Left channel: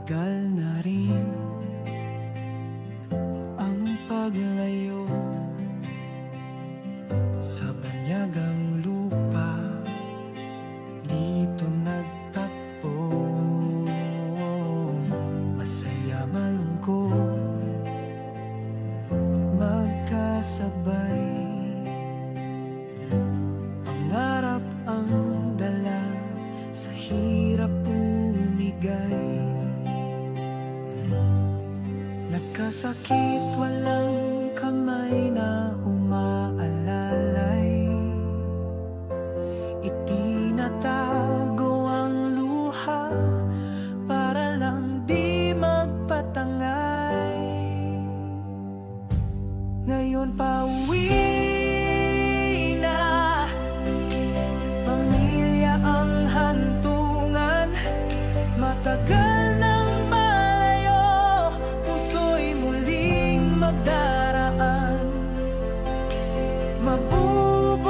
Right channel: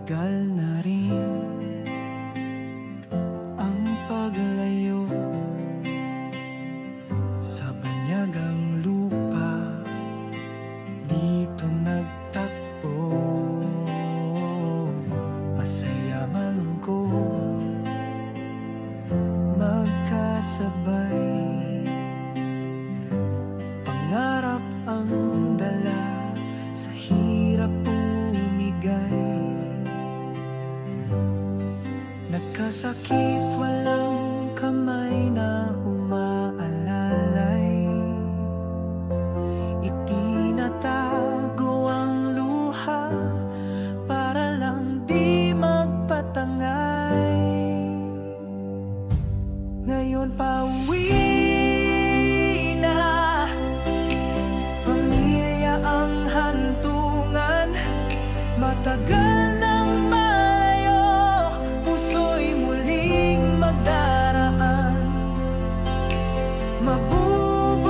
Matagal na rin ang paglayo sa banyagang lupa, dito nagtakbo. Masaya malungkot magkasabay, pangarap ang dala, sa hirap bumigay. Nagkasakit, walang kamay na umaalalay. Itinatago ang luha para lang di magpatangay. Ngayon pauwi na, pamilya ang hantungan. Matagal nang malayo, puso'y muling magdaraan. Mabubuo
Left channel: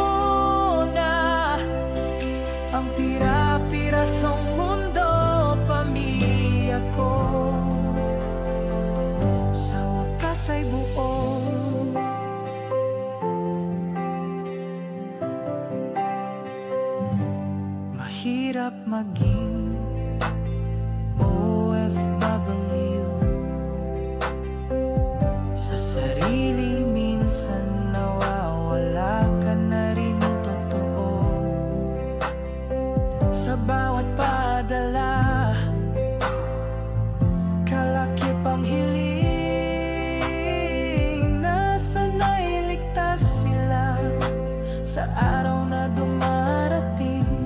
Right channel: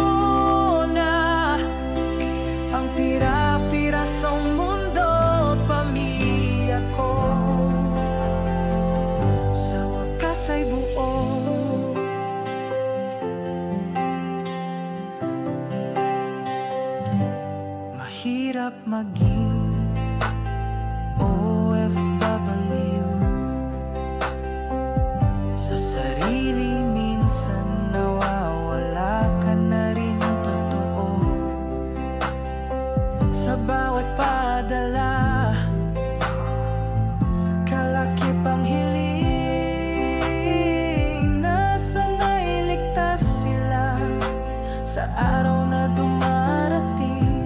na ang pira-pirasong mundo, pamilya ko sa wakas ay buo. Mahirap maging OFW, sa sarili minsan nawawala ka na rin totoo. Sa bawat padala, kalakip ang hiling na sana'y ligtas sila sa araw na dumarating.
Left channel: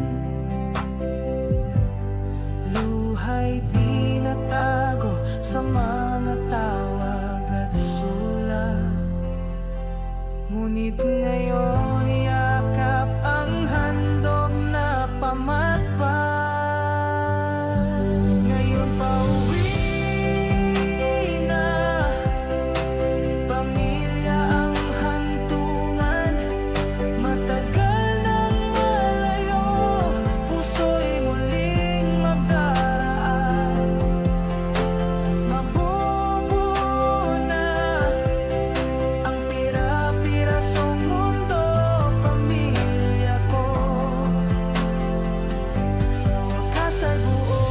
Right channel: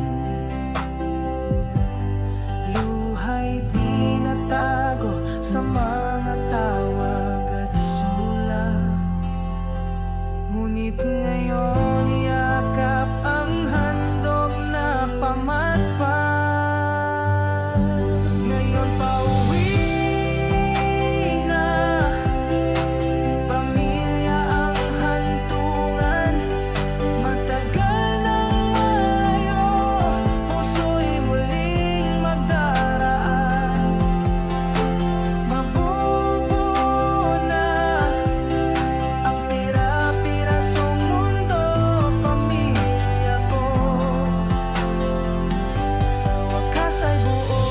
Luha'y tinatago sa mga tawag at sulat, ngunit ngayon yakap ang handog na pamatpat. Ngayon pauwi na, pamilya ang hantungan. Matagal nang malayo, puso'y muling magdaraan. Mabubuo na ang pira-pirasong mundo, pamilya ko sa wakas ay buo.